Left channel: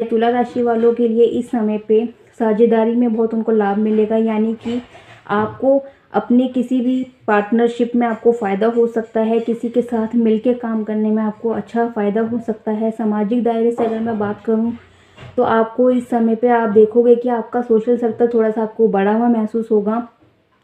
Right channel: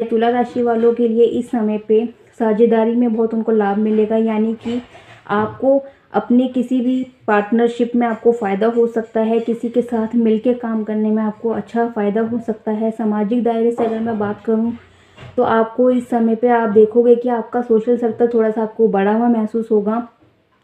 तुला राशि वालों के लिए इस समय पे साझेदारी में बहुत उनको लाभ मिलेगा, यानी कि आपको अपने किसी भी पार्टनरशिप में आपको फ़ायदा हो सकता है, किसी के साथ मिलके काम करने में आपको अच्छा फ़ायदा हो सकता है। सामाजिक दायरे से अगर मैं बात करूँ तो आपको इस समय पे आप देखोगे कि आपका सोशल सर्कल थोड़ा-सा आपको बढ़ा हुआ महसूस होगा।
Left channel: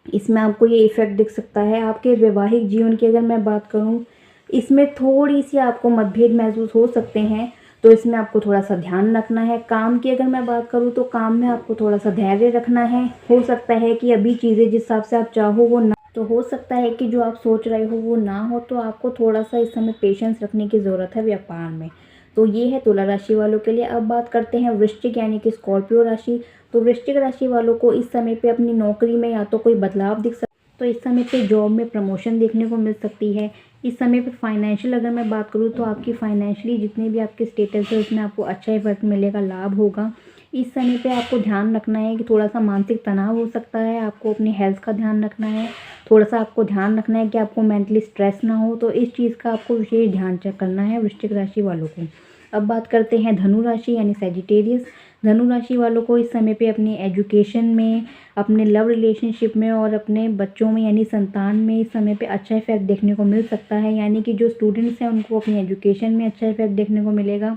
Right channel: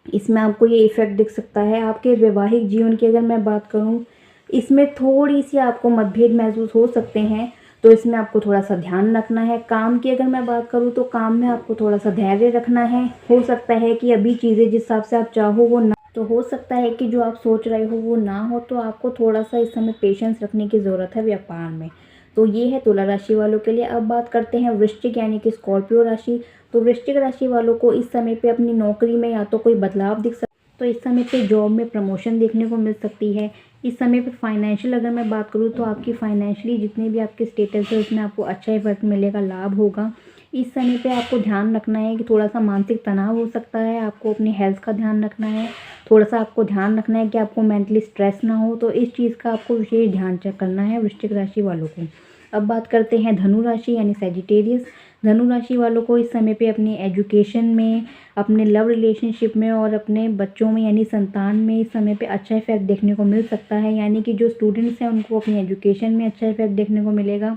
इसमें आपको ये इफ़ेक्ट दिख सकता है। आपके वैवाहिक जीवन की अगर मैं बात करूँ, इसमें थोड़ी-सी आपको मतभेद महसूस हो सकते हैं, तो इसमें आपको थोड़ा-सा ध्यान रखना है। काम की अगर मैं बात करूँ तो काम में आपको थोड़ा-सा धैर्य रखना है। हो सकता है कि अभी चीज़ें जिस हिसाब से आप चाहो वो ना, तो हो सकता है कि जो आप सोच रहे हो वो ना हो, तो आपको थोड़ा-सा इस समय पेशेंस रखने की ज़रूरत है व्यापार में। तो ये है तुला राशि वालों के लिए। अब बात करते हैं वृश्चिक यानी कि स्कॉर्पियो राशि। तो वृश्चिक राशि वालों को इस समय पे अपनी नौकरी में या तो कोई बदलाव दिख सकता है, तो इस समय पे जॉब में प्रमोशन देखने को मिल सकती है। इस समय पे फाइनेंशियल अगर मैं बात करूँ तो आपकी फाइनेंशियली जितने भी आपके स्टेटस है उसमें आपको अच्छा इफेक्ट मिलेगा, लाभ होगा। इस समय पे आपको ध्यान रखना है कि थोड़ा सा मानसिक तनाव हो सकता है, आपको अपनी हेल्थ का ध्यान रखना है। थोड़ा सा आपको ध्यान रखना है कि आपको मेंटली स्ट्रेस ना हो, तो इस चीज़ का आपको विशेष ध्यान करना है वृश्चिक राशि वालों को। अब बात करते हैं धनु राशि यानी सैजिटेरियस। धनु राशि वालों को इस समय पे अपनी एजुकेशन में, अपने लव रिलेशनशिप में और अपने बच्चों में यानी संतान में इस समय पे अच्छा इफेक्ट देखने को मिल सकता है। यानी कि जो स्टूडेंट्स हैं उनको अपनी एजुकेशन में अच्छा इफेक्ट देखने को मिलेगा,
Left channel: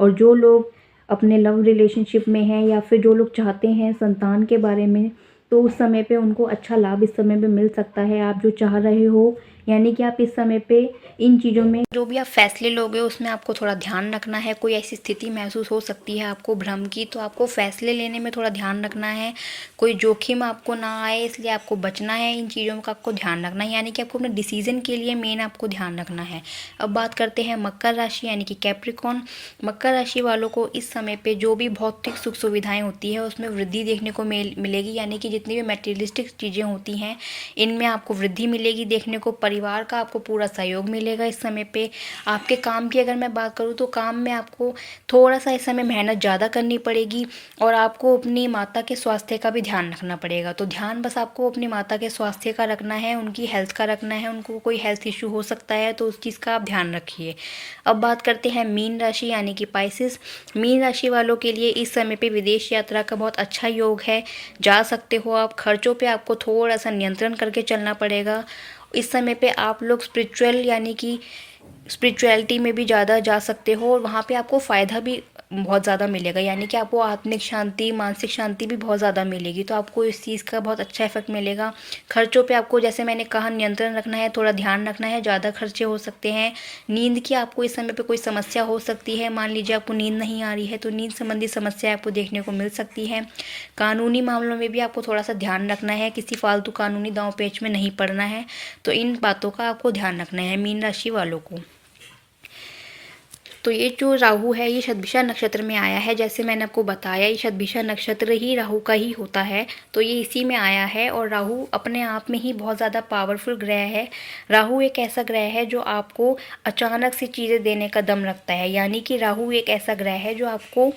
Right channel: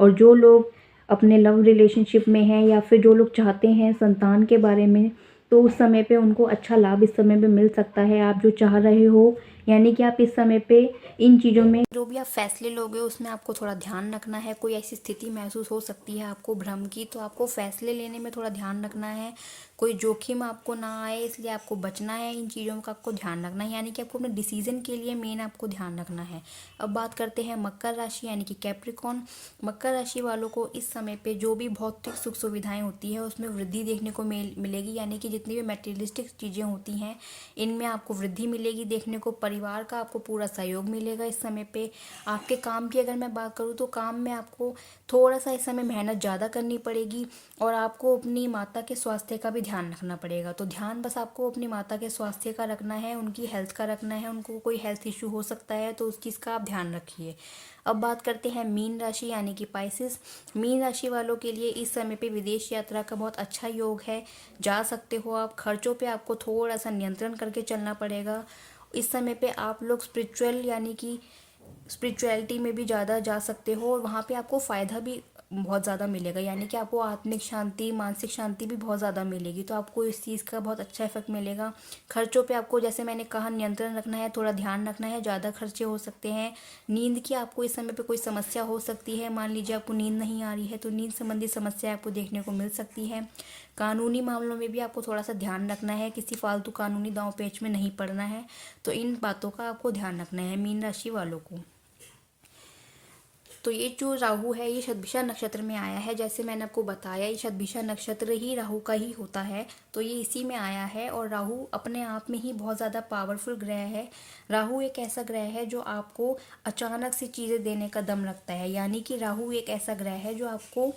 और जो लोग अपने लव रिलेशनशिप में हैं या फिर जो लोग चाहते हैं संतान के बारे में, तो उस समय पे उनको अच्छा लाभ इस समय पे मिल सकता है। आप जो चाह रहे हो, यानी कि आप इस समय पे इन चीज़ों में जो भी आप फैसले लोगे उसमें आपको थोड़ा ध्यान रखना है। कोई ऐसी स्थिति महसूस हो सकती है आपको भ्रम की, तो आपको फैसले लेने में थोड़ा ध्यान रखना है। कोई जोखिम आपको ना आए इसलिए आपको बचना है, इन चीज़ों का आपको ध्यान रखना है। यानी कि आपको अपने डिसीजन के लिए मेन आपको ध्यान रखना है। अब बात करते हैं मकर राशि यानी कि कैप्रिकॉर्न। मकर राशि वालों को इस समय पे जो भी भौतिक सुख सुविधाएं होती है उसमें वृद्धि देखने को मिलेगी। यानी कि जितनी भी मटेरियलिस्टिक चीज़ें होती हैं इनमें आपको वृद्धि मिलेगी देखने को। परिवार का आपको पूरा सहयोग मिलेगा इस समय पे। आपके काम की अगर मैं बात करूँ तो काम में आपको थोड़ा सा इस समय मेहनत ज़्यादा करनी पड़ेगी, और आपको अपनी माता के स्वास्थ्य का भी ध्यान रखना पड़ेगा। तो ध्यान बस आपको अपनी माता के स्वास्थ्य का रखना है, उनकी हेल्थ का रखना है। उनको कोई हेल्थ इशू हो सकता है तो उस चीज़ का आप ध्यान रखिए। अब बात करते हैं मीन राशि यानी कि पाइसेस। मीन राशि वालों के लिए इस समय पे विदेश यात्रा का बहुत अच्छा योग है, जा सकते हो आप। खर्चों पे आपको थोड़ा सा नियंत्रण करके चलना पड़ेगा। इस समय पे आप लोग स्पिरिचुअल यानी कि स्पिरिचुअलिटी में भी ज़्यादा जा सकते हो, और वहाँ पे आपको फ़ायदा भी बहुत ज़्यादा मिलेगा। यानी कि आपको आत्मिक शांति, मानसिक शांति भी बहुत ज़्यादा मिलेगी। तो आपको इस चीज़ का बहुत अच्छा इफेक्ट मिलेगा। खर्चों पे आपको जैसे मैंने कहा नियंत्रण रखना है, थोड़ा ध्यान रखना है, ज़्यादा खर्चे हो सकते हैं। नींद की आपको इस समय पे कोई समस्या हो सकती है। मान लीजिए आपको नींद नहीं आ रही है तो नींद संबंधी समस्या आपको देखने को मिल सकती है। कानूनी मामलों में भी आपको थोड़ा सा ध्यान रखना है, किसी फालतू कानूनी दांव पेच में नहीं पड़ना है। तो इन बातों का आपको ध्यान रखना है मीन राशि वालों को। तो ये जो राहु है ये शतभिषा नक्षत्र में आया है। जैसे मैंने आपको बताया ये शतभिषा नक्षत्र ही राहु का ही होता है, तो ये इसी में आया है। और राहु अपने आप में ही बहुत ज़्यादा पावरफुल ग्रह है। राहु एक ऐसा ग्रह है जो आपको अचानक से चीज़ें देने का दम रखता है। यानी कि राहु एक ऐसा ग्रह है जो आपको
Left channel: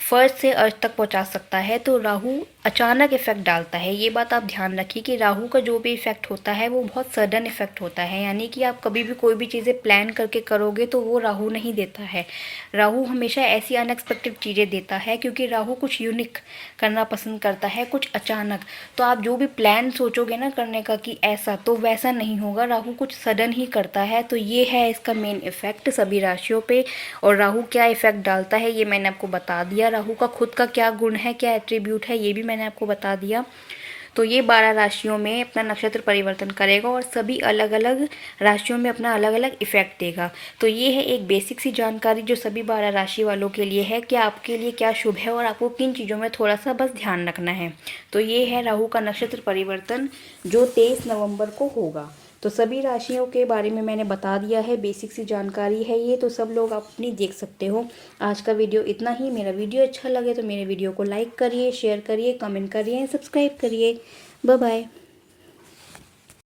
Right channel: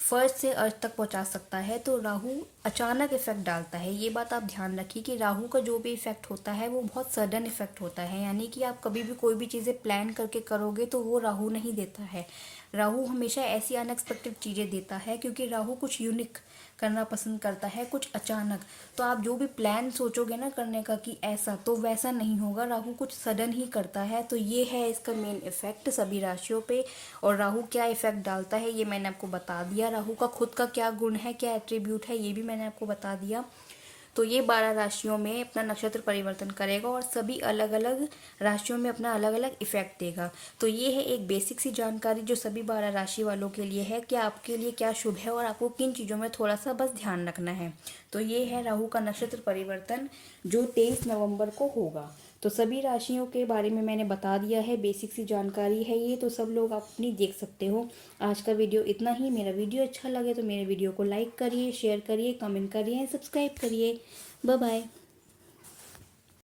फर्स्ट से अर्थ तक पहुंचा सकता है। तो राहु अचानक इफेक्ट डालता है। ये बात आप ध्यान रखिए कि राहु का जो भी इफेक्ट होता है वो बहुत सडन इफेक्ट होता है। यानी कि आप कभी भी कोई भी चीज़ें प्लान करके करोगे तो वो राहु नहीं देता है। राहु हमेशा ऐसी अनएक्सपेक्टेड चीज़ें देता है, क्योंकि राहु कुछ यूनिक करना पसंद करता है, कुछ अचानक। तो आप जो भी प्लान सोचोगे ना करने का कि ऐसा, तो वैसा नहीं होगा। राहु कुछ सडन ही करता है। तो ये है इसका मेन इफेक्ट सभी राशियों पे। और राहु क्या इफेक्ट डालता है ये मैंने आपको बता दिया। राहु का खुद का क्या गुण है, क्या एट्रीब्यूट है, ये भी मैंने आपको बता दिया। तो ये 12 राशियों में अपना नक्षत्र परिवर्तन करेगा और सभी अलग अलग राशियों में अपना अलग अलग इफेक्ट देगा। तो ये है एक बेसिक सी जानकारी जो सभी 12 राशि वालों के लिए है कि आपके लिए क्या शुभ है और आपको किन चीज़ों में थोड़ा सा बस ध्यान रखना है। तो ये है राहु का नक्षत्र परिवर्तन जो 23 नवंबर को होगा। तो सभी राशियों के बारे में मैंने बता दिया है, बेसिक सी जानकारी है ये, तो सब लोग आप अपनी देख सकते हो। आज का वीडियो इतना ही। मेरा वीडियो अच्छा लगे तो मेरे वीडियो को लाइक करिए, शेयर करिए, कमेंट करिए, सब्सक्राइब करिए। Bye bye.